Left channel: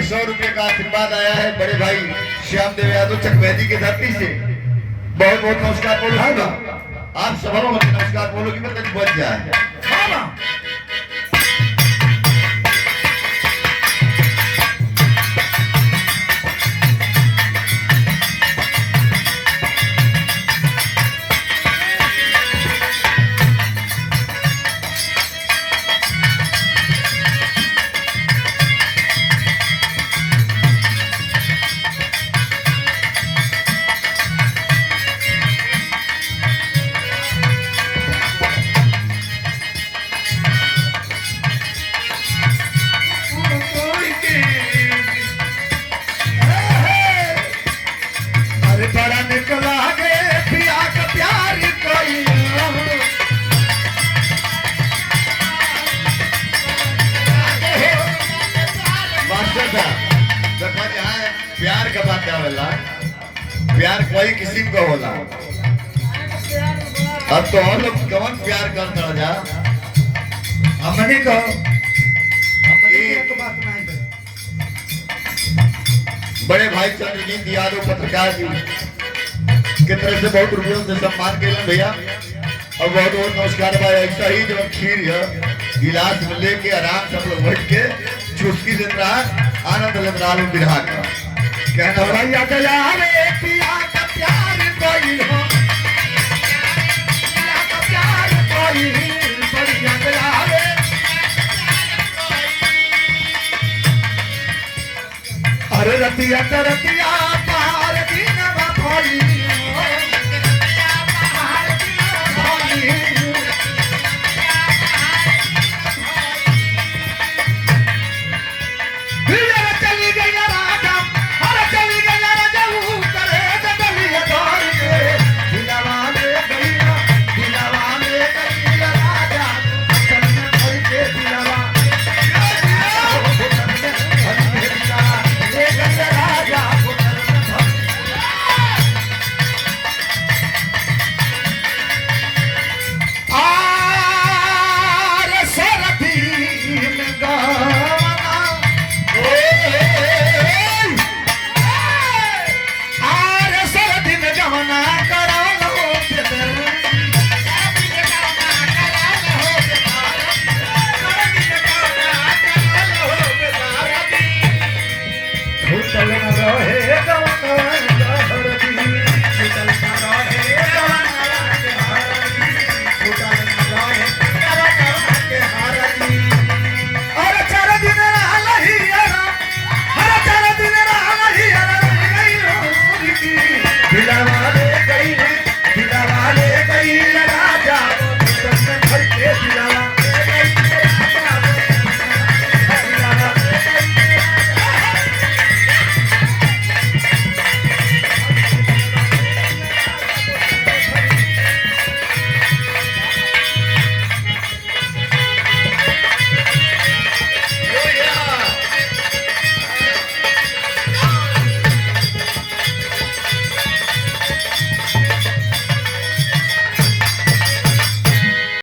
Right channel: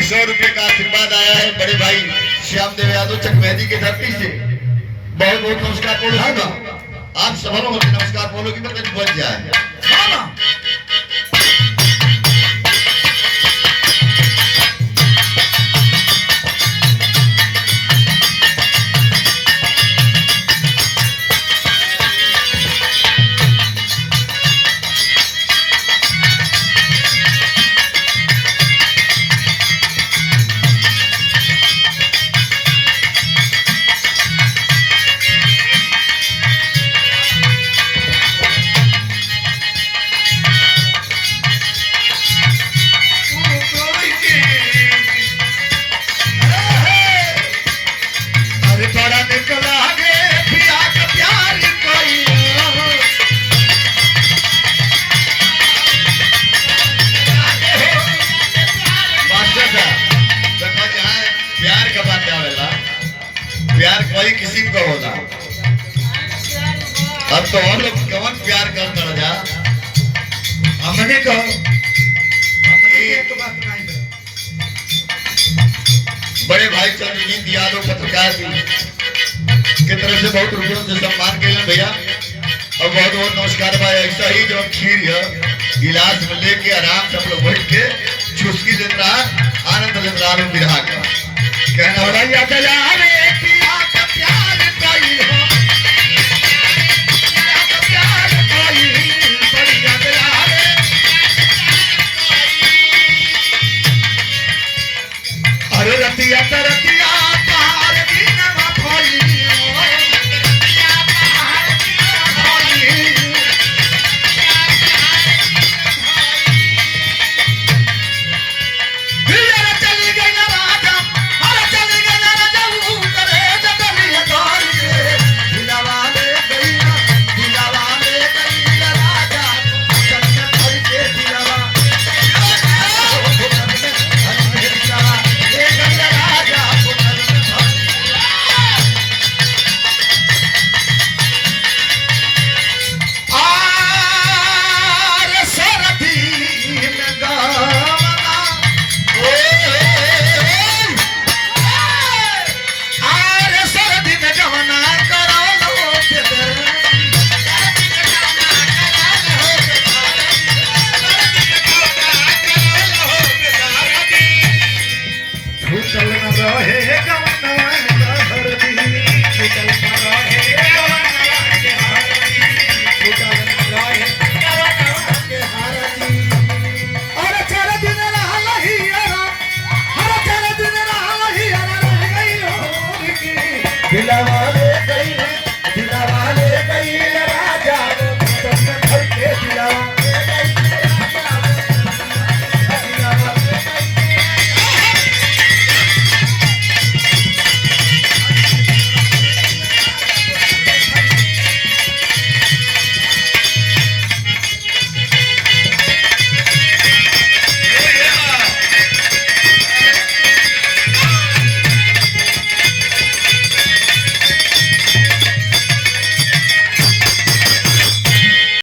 100 रुपए का आशीर्वाद आया है बड़े भाई श्याम देव यादव चकमेहदी की धरती से। बहुत बहुत नमस्कार बोलो। आप सबरों में नमस्कार बोलो कि मतलब बच जाए। प्यार का बात आवेला, प्यार कोई किस्म का होला। अब तो और लोग कौन प्यार करता जा हमने को बड़े भाई चंद्रजीत यादव पत्रकार जी की तरफ से बहुत रुपयों से सम्मान केलन भैया और बहुत बहुत नमस्कार भाई। ऐसा ही जो खीर है गिलास में लेके आराम से हम लोग बैठ के चुस्की दिन रहा आनंद लेते रहा बिरहा का कहना भैया चला रे पिया का प्यार कोई हो प्यार कोई बढ़िया चला रे अरे रतिया रतिया पहाड़ की भाई Bila